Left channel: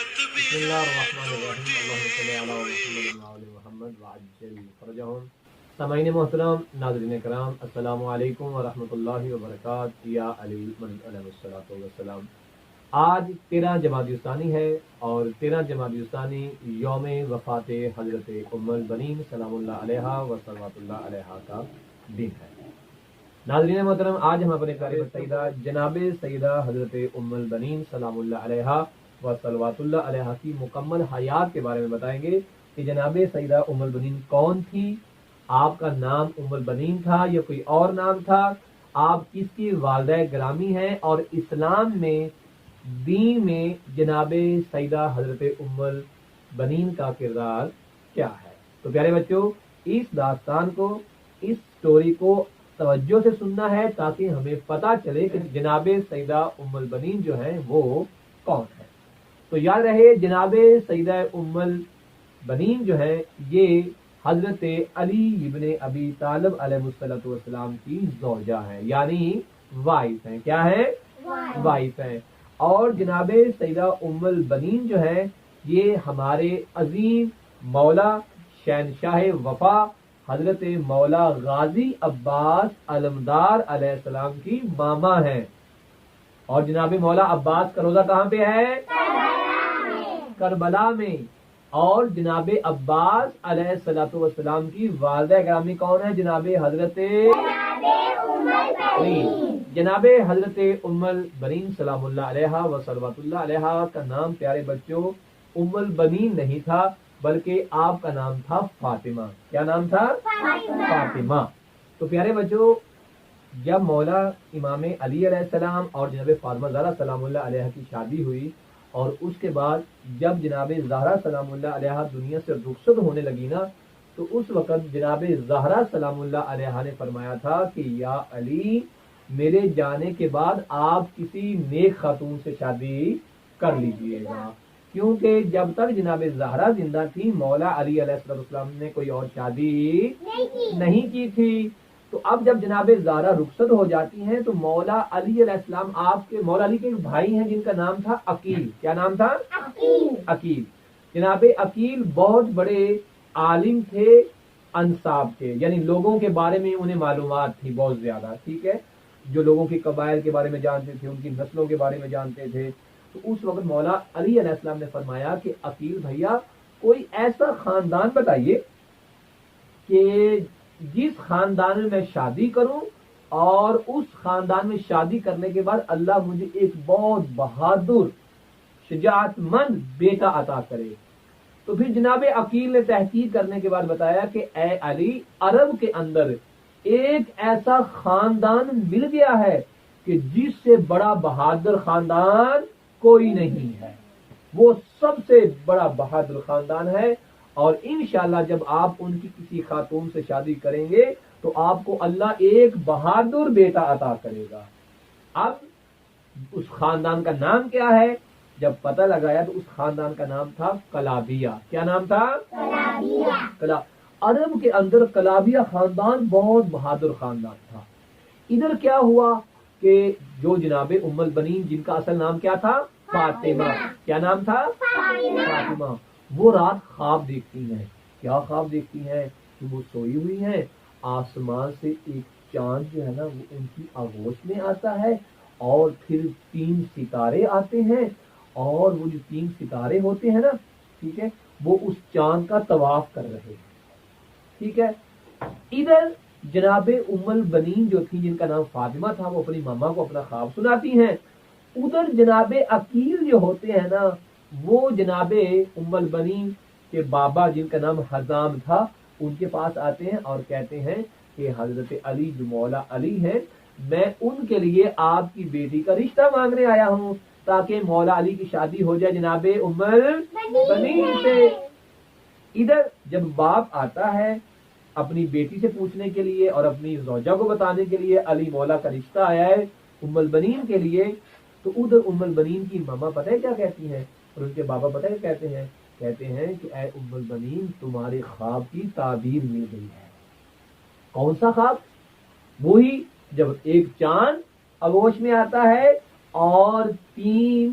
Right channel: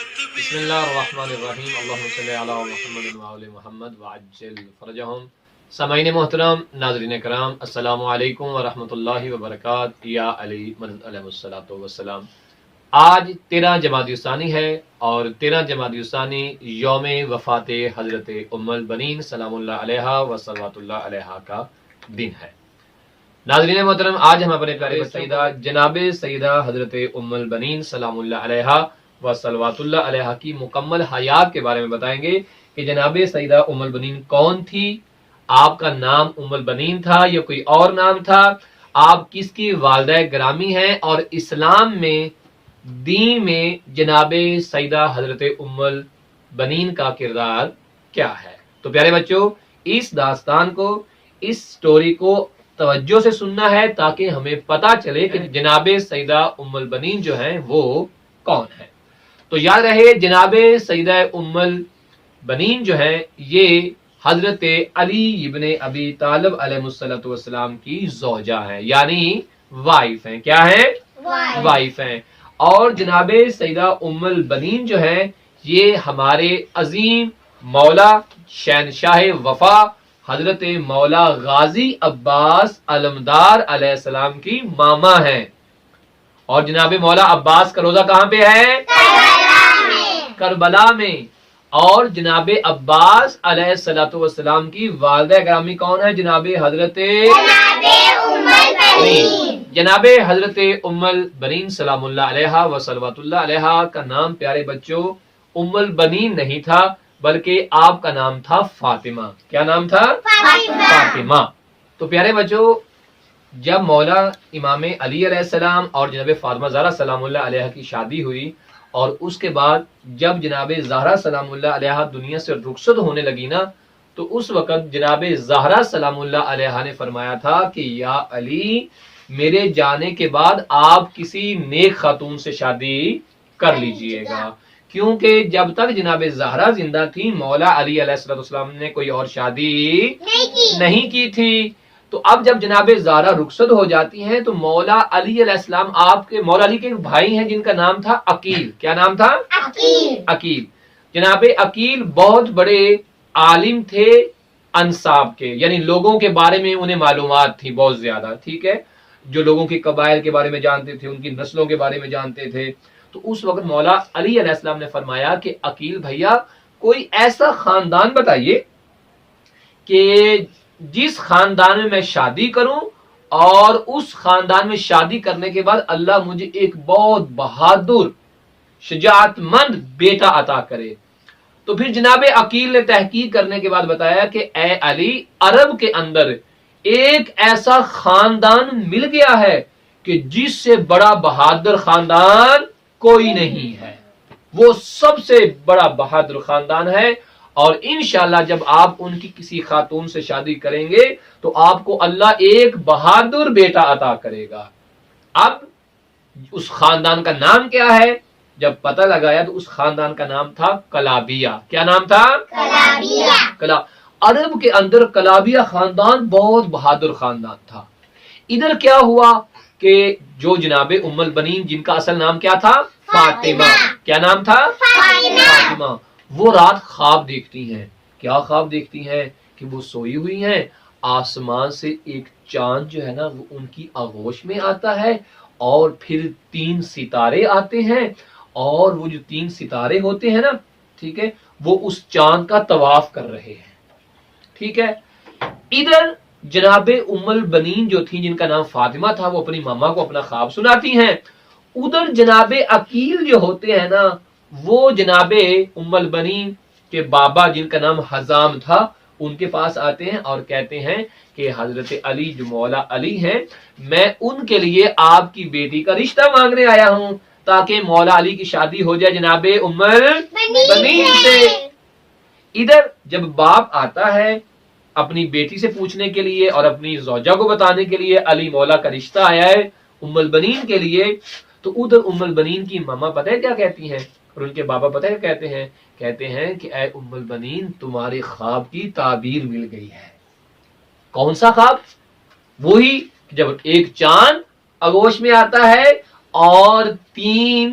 بسم اللہ الرحمن الرحیم اللہم صلی علی محمد وعلی محمد وعجل فرجہم۔ سامعین محترم، ناظرین کرام، السلام علیکم ورحمۃ اللہ وبرکاتہ۔ یا علی مدد علیہ الصلوۃ والسلام۔ آج 13 جمادی الثانی ہے اور 13 جمادی الثانی یوم وفات حضرت ام البنین سلام اللہ علیہا و صلوات اللہ علیہا کا دن ہے۔ ناظرین محترم، آج ہم اپنے پیارے سیدہ جناب سیدہ حضرت ام البنین سلام اللہ علیہا و صلوات اللہ علیہا کی مکمل حیات کے بارے میں بتائیں گے کہ جناب سیدہ ام البنین کون تھی، آپ کا نام ام البنین تھا یا کوئی اور نام تھا، آپ کس کی والدہ گرامی ہیں، اور اسلام میں دین میں جناب سیدہ حضرت ام البنین کا کردار کیا ہے۔ تو پیارے بچوں، اس داستان کو، اس سٹوری کو توجہ سے سننا ہے تاکہ ہمیں پتہ چلے کہ جناب سیدہ ام البنین جو ہیں وہ کون ہے۔ تو یاد رہے، جناب سیدہ ام البنین جو ہے یہ حضرت علی ابن ابی طالب علیہ الصلوۃ والسلام کی زوجہ ہیں، یعنی وائف ہیں۔ کیا ہیں؟ وائف ہیں۔ اور جناب سیدہ ام البنین جو ہے یہ ہمارے عظیم مولا شہنشاہ وفا حضرت مولا غازی عباس علمدار علیہ السلام کی ماما ہیں۔ اور جناب مولا عباس کا روزہ کہاں پہ ہے؟ کربلا میں۔ اور جناب عباس علیہ السلام کی والدہ گرامی کون ہے؟ جناب حضرت جناب حضرت ام البنین سلام اللہ علیہا و صلوات اللہ علیہا کا نام پیارے بچوں ام البنین نہیں تھا، بلکہ آپ کا نام تھا فاطمہ۔ کیا نام تھا؟ فاطمہ۔ تو پیارے بچوں، جب مولا امام علی علیہ السلام اور جناب فاطمہ زہرا سلام اللہ علیہا کی شادی ہوئی، اور اس کے بعد جب جناب زہرا سلام اللہ علیہا دنیا سے رخصت ہونے لگی نا، تو اس وقت جناب زہرا سلام اللہ علیہا نے فرمایا تھا کہ یا علی، میرے جانے کے بعد آپ کسی نیک خاتون سے شادی کر لیجئے گا، کیونکہ جب تک جناب زہرا زندہ تھی مولا علی علیہ السلام نے کوئی اور شادی نہیں کی تھی۔ تو اب جب جناب زہرا رخصت ہو جاتی ہیں تو مولا علی علیہ السلام آپ کے مولا علی کے ایک بھائی ہیں جن کا نام تھا عقیل۔ کیا نام تھا؟ عقیل۔ جناب عقیل بہت بڑے عالم تھے انساب کے، یعنی لوگوں کے بارے میں انہیں معلومات تھی بہت زیادہ، ٹھیک ہے، جو لوگوں کے قبائل کے بارے میں جانتے تھے، ان کی نسلوں کے بارے میں جانتے تھے۔ تو اس وقت مولا علی علیہ السلام نے فرمایا کہ عقیل بھیا، کوئی ایسا خاندان بتائیے کہ جس خاندان میں میں شادی کروں اور اس خاندان میں شادی کرنے کے بعد اللہ مجھے ایک بہت بہادر شجاعت مند بیٹا عطا کرے۔ تو پھر جناب عقیل نے تحقیق کرنے کے بعد بتایا کہ اے علی، عرب کے اندر ایک ایسا خاندان مل گیا ہے کہ جس سے بڑا بہادر خاندان کوئی نہیں ہے، وہ سب سے بڑا بہادر خاندان ہے، اور انشاءاللہ جب آپ ان کی کسی خاتون سے شادی کریں گے تو آپ کو اللہ ایک بہادر بیٹا عطا کرے گا۔ اب اس خاندان کا نام کیا ہے؟ جب پتہ لگایا تو اس خاندان کا نام تھا کلابیہ۔ کیا نام تھا؟ کلابیہ۔ عرب کے اندر کلابیہ خاندان بہت بہادر خاندان تھا۔ ادھر کیا ہوا کہ جو جناب ام البنین جن کا اصل نام کیا تھا؟ فاطمہ۔ کیا نام تھا؟ فاطمہ۔ وہ رات خواب دیکھتی ہیں۔ کیا خواب دیکھتی ہیں؟ کہ وہ سوئی ہوئی ہیں، آسمان سے ایک چاند جو ہے نا وہ ان کی آغوش میں آتا ہے، اور پھر 3 ستارے آتے ہیں، اور وہ جو 3 ستارے ہوتے ہیں نا، ٹھیک ہے، وہ اس چاند کا طواف کر رہے ہیں، ٹھیک ہے۔ ادھر جناب ام البنین جو تھی جن کا نام فاطمہ تھا، وہ اپنی ماما کو اپنا خواب سناتی ہیں۔ ادھر جناب عقیل جو ہوتے ہیں نا، وہ جناب ام البنین کے بابا جن کا نام حزام تھا ان کے پاس آتے ہیں اور کہتے ہیں کہ حضرت علی جو مولا علی ہیں، میں ان کے لیے آپ کی بیٹی کا رشتہ مانگنے آیا ہوں تاکہ مولا علی کی شادی ہو جائے جناب ام البنین سے۔ ادھر جب باپ آتا ہے اپنی بیٹی سے پوچھنے کے لیے اور اپنی زوجہ کو بتانے کے لیے علی مولا کا رشتہ آیا ہے ام البنین کے لیے، تو ادھر ام البنین کی ماما پتہ ہے کیا کہتی ہیں اور ان کے بابا پتہ ہے کہتے ہیں؟ کہتے ہیں کہ اے ام البنین، تمہارے خواب کی تعبیر مل گئی ہے۔ کون سا خواب؟ وہی جب ایک چاند آغوش میں آتا ہے اور 3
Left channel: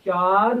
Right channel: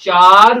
4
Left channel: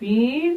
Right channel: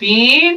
3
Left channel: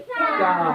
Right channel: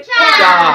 4,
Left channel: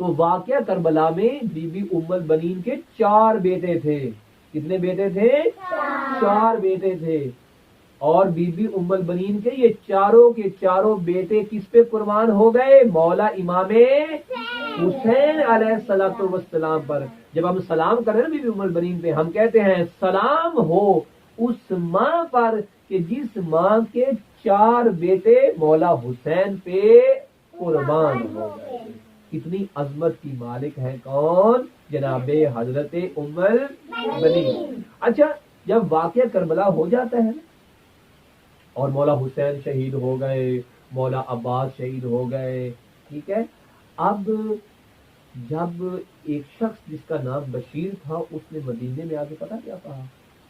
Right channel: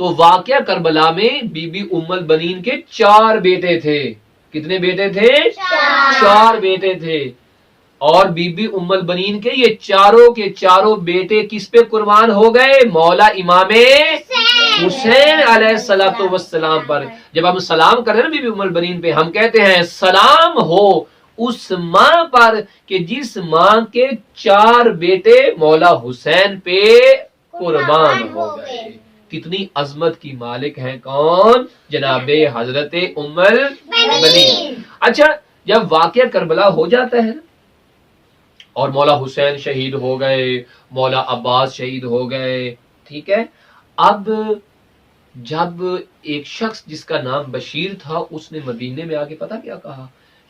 تو واقعہ کربلا میں بی بی ام البنین کے 4 بیٹے تھے. کتنے بیٹے تھے؟ 4 بیٹے تھے. اور بی بی ام البنین کے یہ چاروں کے چاروں بیٹے کس پہ قربان ہو گئے؟ مولا امام حسین علیہ الصلوۃ والسلام پر. جب ہم سلام کر رہے ہیں نا بی بی ام البنین پہ، ہم کہتے ہیں سلام ہو اس ماں پر کہ جس ماں کے 4 بیٹے مولا حسین پہ قربان ہو گئے. کتنی عظمت کی مالک ہیں کون؟ جناب حضرت ام البنین. اچھا، جب واقعہ کربلا ہو جاتا ہے اور مولا حسین شہید ہو گئے، مولا عباس شہید ہو گئے، ٹھیک ہے، اب جب ایک شخص جس کا نام بشیر تھا اس نے مدینے میں آ کے پتا کیا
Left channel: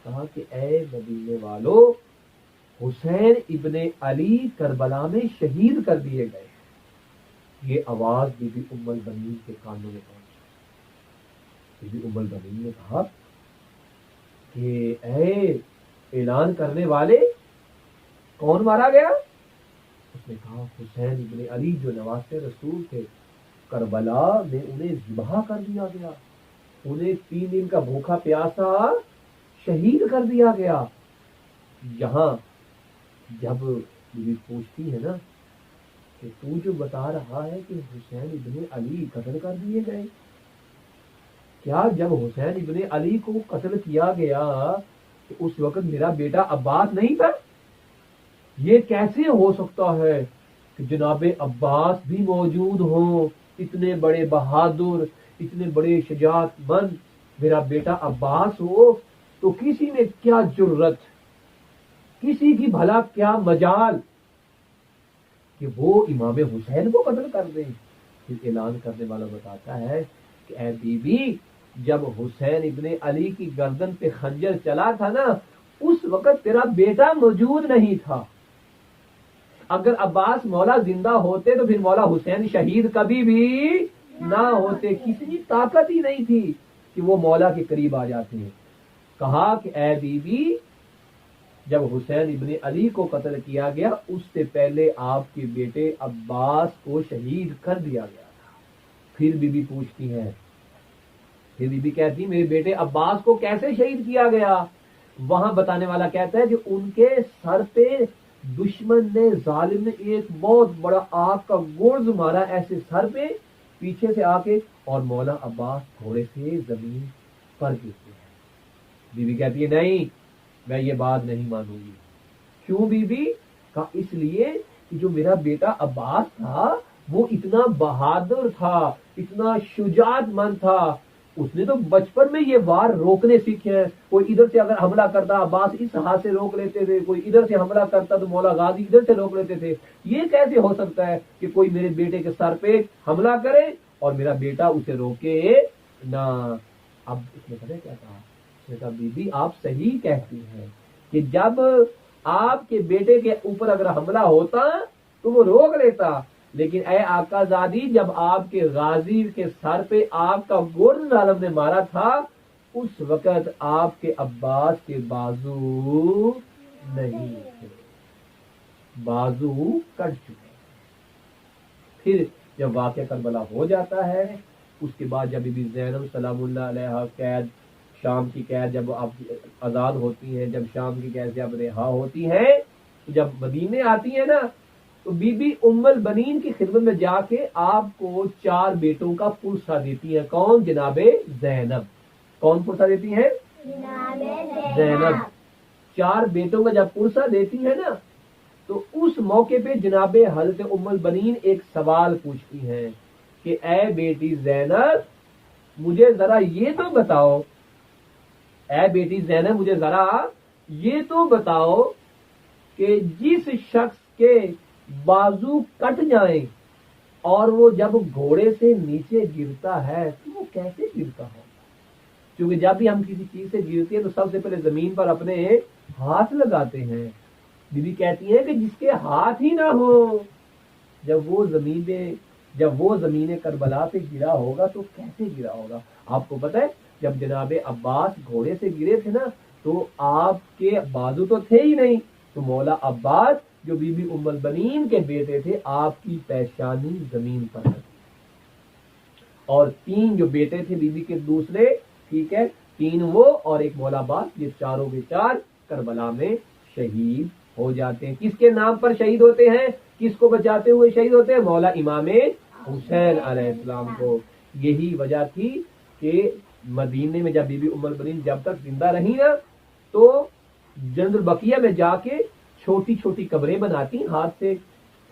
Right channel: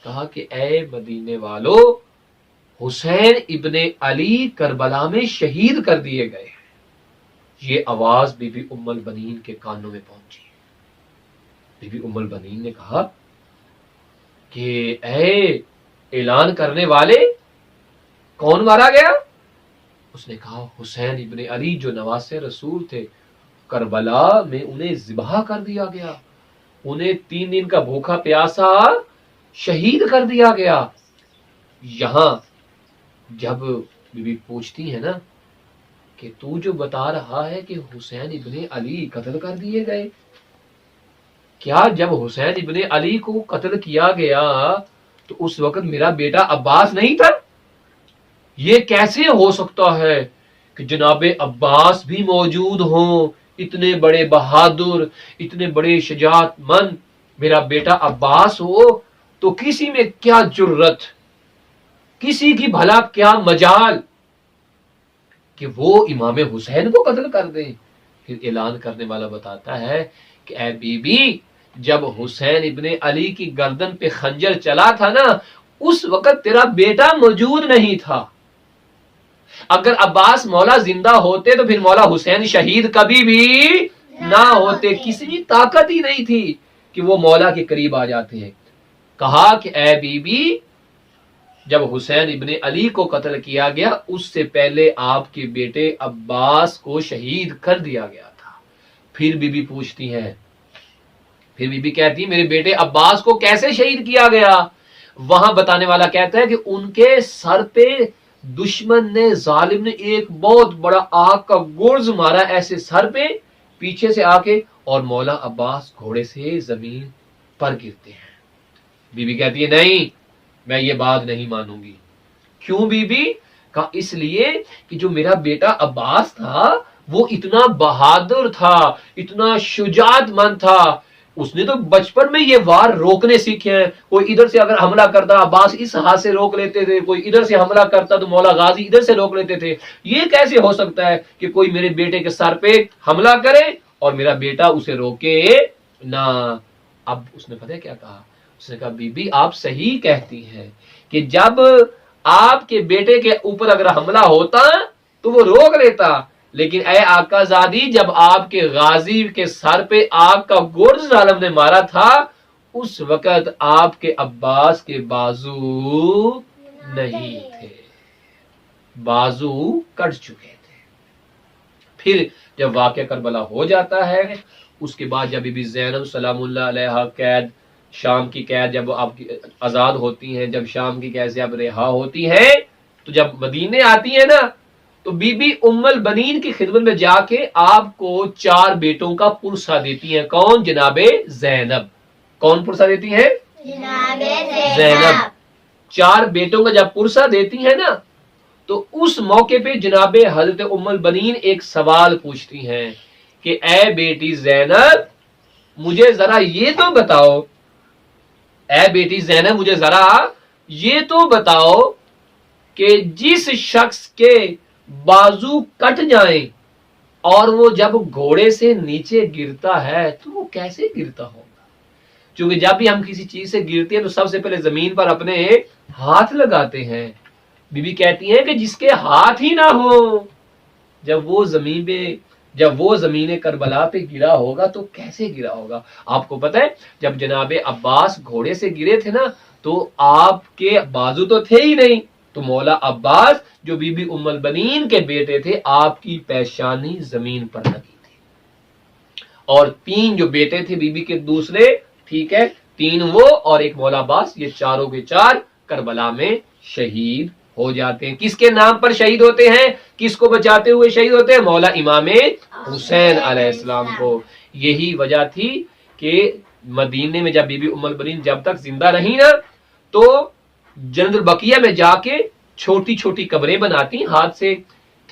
کہا کہ اے مدینے والو، حسین ابن علی کربلا میں شہید کر دیے گئے. یہ آواز بی بی ام البنین کے کانوں میں پہنچی. بی بی ام البنین نے کہا کہ اے اعلان کرنے والے، کون مارا گیا؟ اس نے کہا حسین ابن علی جو نواسے رسول تھے، کربلا میں انہیں ذبح کر دیا گیا، انہیں 3 دن کا بھوکا پیاسا شہید کر دیا گیا. یہاں جب بی بی پوچھتی ہے نا کہ تو جو بتا رہا ہے کہ حسین ابن علی قتل کر دیے گئے، کیا جب حسین ابن علی کو قتل کیا گیا تو اس وقت میرا بیٹا عباس نہیں تھا؟ یہ کیسے ہو سکتا ہے کہ جناب عباس بھی موجود ہوں، اتنے بڑے بہادر، اتنے بڑے شجاعت مند، میرا بیٹا عباس ہو تو کسی میں کیا جرت، کسی کی بھلا کیا مجال کہ وہ امام حسین کو قتل کر دیں. پھر اعلان کرنے والا بتاتا ہے کہ اے بی بی، جب حسین ابن علی کی گردن پہ خنجر چلا تھا نا، اس وقت تیرا بیٹا موجود نہیں تھا. اگر عباس مولا زندہ ہوتے تو پھر مولا حسین شہید کبھی بھی نہ ہوتے. کسی بھی طاقت ہی نہیں تھی کہ وہ مولا کے قریب آ جاتے ہیں. کہا کہ اے بی بی، جب حسین ابن علی کو قتل کیا گیا اس سے پہلے آپ کے بیٹے عباس کو شہید کر دیا گیا تھا. پھر بی بی پوچھتی ہیں، پھر بی بی کہتی ہے میرے بیٹے عباس کو کیسے شہید کیا گیا؟ وہاں بتانے والا کہتا ہے کہ ان کے سر پہ دشمن نے، ظالم نے ایک بہت بڑا آگ کا گرز مارا ایسے سر پہ پیچھے سے آ کے، اور مولا عباس گھوڑے سے زمین پر گرتے ہیں. بی بی کہتی ہے نہیں، میں یہ بات نہیں مانوں گی. کیوں بی بی؟ کہا اس لیے کہ جو میرا بیٹا عباس تھا وہ اتنا بہادر تھا، اتنا شجاعت مند تھا، اس نے تو بچپن میں یہ وار روکنے سیکھے ہیں. کوئی ادھر سے اگر حملہ کرتا عباس اس ہاتھ سے روک لیتے تھے، کوئی ادھر سے حملہ کرتا تو مولا غازی ادھر سے روک لیتے تھے. یہ کیسے ہو سکتا ہے کہ کوئی میرے بیٹے کے سر پہ حملہ کرے اور میرا بیٹا اسے روکے نہ؟ اب اس نے پتہ کیا کہا؟ اس نے کہا بی بی آپ صحیح کہتی ہیں کہ جب آپ کے بیٹے کے اوپر اگر حملہ ہوتا تو وہ روک لیتا، لیکن اے آقا زادی، جب آپ کے غازی کے سر پہ آگ کا گرز ظالم نے مارا تھا اس وقت آپ کے عباس کے بازو نہیں تھے، بازو کٹ چکے تھے. پھر جب واقعہ کربلا ہو جاتا ہے، اس کے بعد جب بی بی زینب سلام اللہ علیہا قید، شام کی قید جب آپ آزاد ہوتی ہیں، جب شام کی قید سے اب رہا ہوتی ہیں، تو جب مدینے آتی ہیں نا تو بی بی ام البنین کی خدمت میں جا کے آپ کو 4 بیٹوں کا پرسہ دیتی ہیں. کون؟ جناب زینب. کون پرسہ دیتی ہیں؟ جناب زینب. 4 بیٹوں کا جب پرسہ دیتی ہیں نا تو اس موقع پہ جناب حضرت ام البنین ایک سوال پوچھتی ہیں کہ اے بیٹی زینب مجھے ذرا یہ تو بتاؤ، اے بیٹی زینب مجھے ذرا یہ تو بتاؤ کہ جس شخص کے بازو کٹ جائیں اور وہ جب گھوڑے سے نیچے گرتا ہے تو وہ کیسے گرتا ہوگا؟ کیونکہ جب بھی ہم کسی چیز سے گرتے ہیں تو سب سے پہلے زمین پر اپنے ہاتھ لگاتے ہیں. بی بی کہتی ہیں کہ جس کے ہاتھ ہی نہ ہو، جب وہ زمین کربلا پہ گرا ہوگا تو کیسے گرا ہوگا؟ آپ کو پتہ ہے جب جناب عباس گھوڑے سے گرے تھے نا تو آپ کے بازو تو تھے ہی نہیں، تو مولا عباس جو بی بی ام البنین کے بیٹے تھے، آپ کی پیشانی زمین پر لگی تھی. اور 3 جو بیٹے تھے بی بی کے دوسرے، ٹھیک ہے، 3 وہ اور ایک مولا عباس، یہ چاروں کے چار کربلا میں شہید ہو جاتے ہیں۔ کس کے نام پر شہید ہوتے ہیں؟ کس کو بچاتے ہوئے شہید ہوتے ہیں؟ مولا امام حسین علیہ السلام کو۔ یہی وجہ تھی کہ مدینے میں جب بی بی ام البنین جب تک زندہ رہی نا، تو جنت البقیہ میں جا کے چھوٹی چھوٹی قبریں بناتی ہاتھ سے،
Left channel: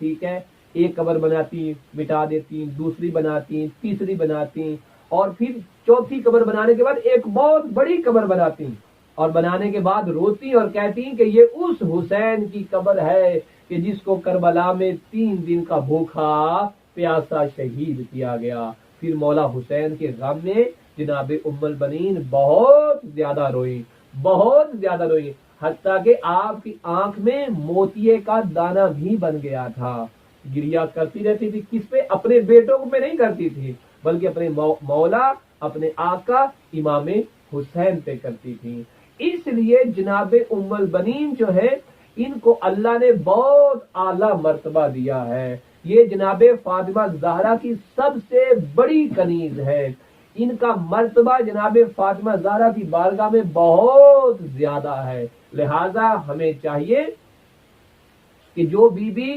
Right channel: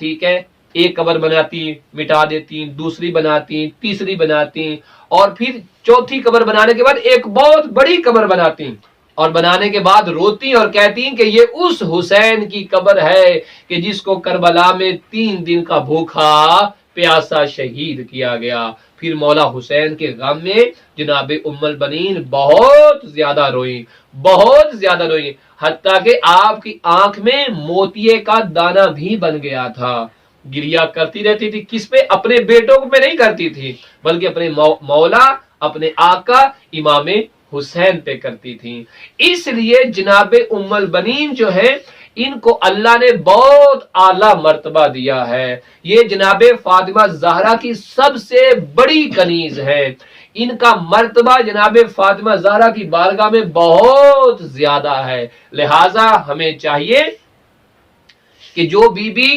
ٹھیک ہے، ایک قبر بناتی مٹا دیتی، دوسری بناتی، تیسری بناتی، اور پھر چوتھی قبر بنانے کے بعد ایک بہت بڑی قبر بناتی، اور بنانے کے بعد روتی اور کہتی کہ یہ اس حسین کی قبر ہے کہ جس کو کربلا میں 3 دن کا بھوکا پیاسا شہید کیا گیا۔ پھر مولا حسین کے غم میں جناب ام البنین بہت زیادہ روئی، بہت زیادہ روئی، حتیٰ کہ آپ کی آنکھ میں موتیے کا دانہ بھی بن گیا تھا۔ گریا کرتی رہتی تھی، کس پہ؟ اپنے بیٹوں پہ نہیں کرتی تھی، بلکہ اپنے مولا، اپنے آقا امام حسین پہ کرتی تھی۔ اس لیے جناب ام البنین جو ہے، ان کو اللہ نے بہت اعلیٰ مرتبہ دیا ہے۔ یہ جناب فاطمہ زہرا کی سب سے بڑی کنیز ہے، ان کا مرتبہ جناب فاطمہ زہرا کی بارگاہ میں بہت زیادہ ہے۔ لہٰذا ہمیں چاہیے کہ جو بی بی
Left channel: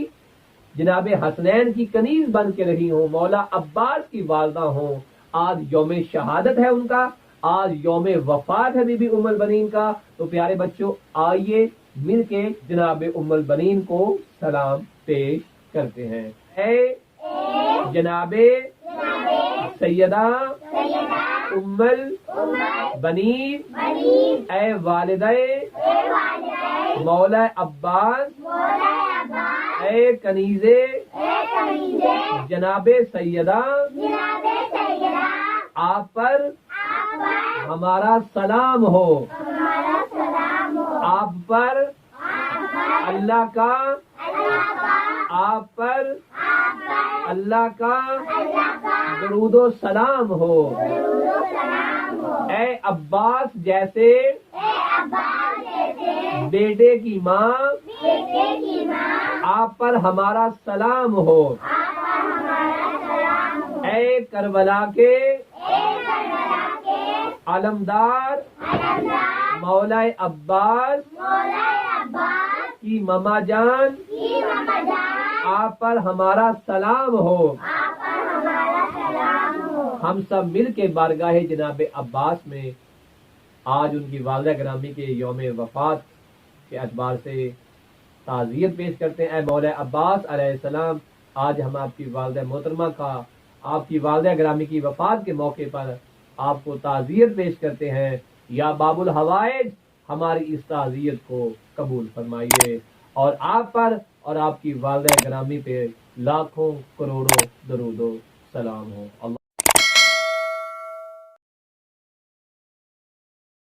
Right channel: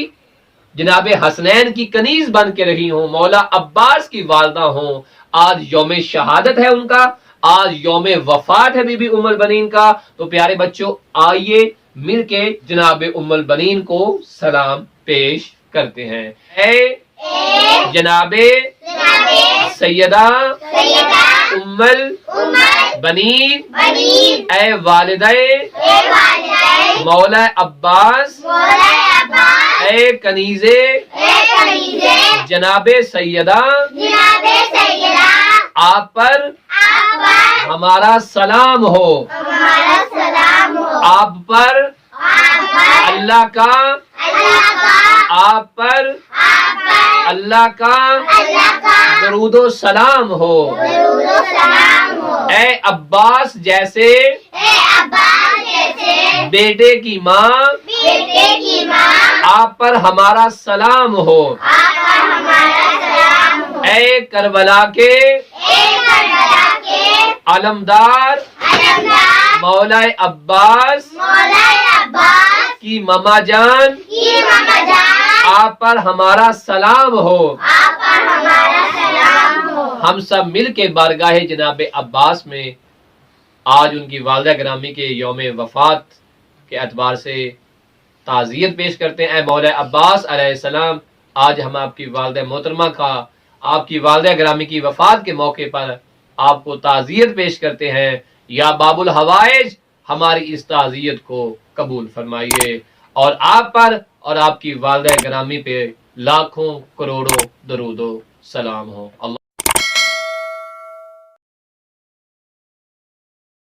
جناب حسنین کی کنیز بن کے رہی ہوں، مولا عباس کی والدہ ہوں، آج یوم شہادت ہے ان کا، آج یوم وفات ہے بی بی ام البنین کا، تو پیارے بچوں آئیے مل کے جناب ام البنین کو سلام پیش کرتے ہیں۔ اے جناب سیدہ ام البنین، اے والدہ مولا عباس، اے کنیز جناب سیدہ، آپ پر ہمارا سلام ہو، آپ پر اللہ کا، آپ پر اللہ کا درود و سلام ہو۔ اے عباس جیسے بیٹے کی ماں، آپ پر ہمارا سلام ہو۔ اے کربلا کے علمدار مولا عباس کی ماما جان، آپ پر ہمارا سلام ہو۔ ہم سب مل کے بارگاہ جناب عباس میں آج ان کی والدہ گرامی کے یوم وفات کے اعتبار سے تعزیت پیش کرتے ہیں۔ اے مولا عباس علیہ السلام، آج ہم آپ کی والدہ محترمہ کا، آپ کی والدہ گرامی کی وفات کے موقع پر آپ کو تعزیت پیش کرتے ہیں۔ یا باب الحوائج، ہماری اس تعزیت کو قبول فرمائیے، اور آپ پر اور آپ کی والدہ گرامی پہ لاکھوں کروڑوں درود و سلام ہو۔ اللہ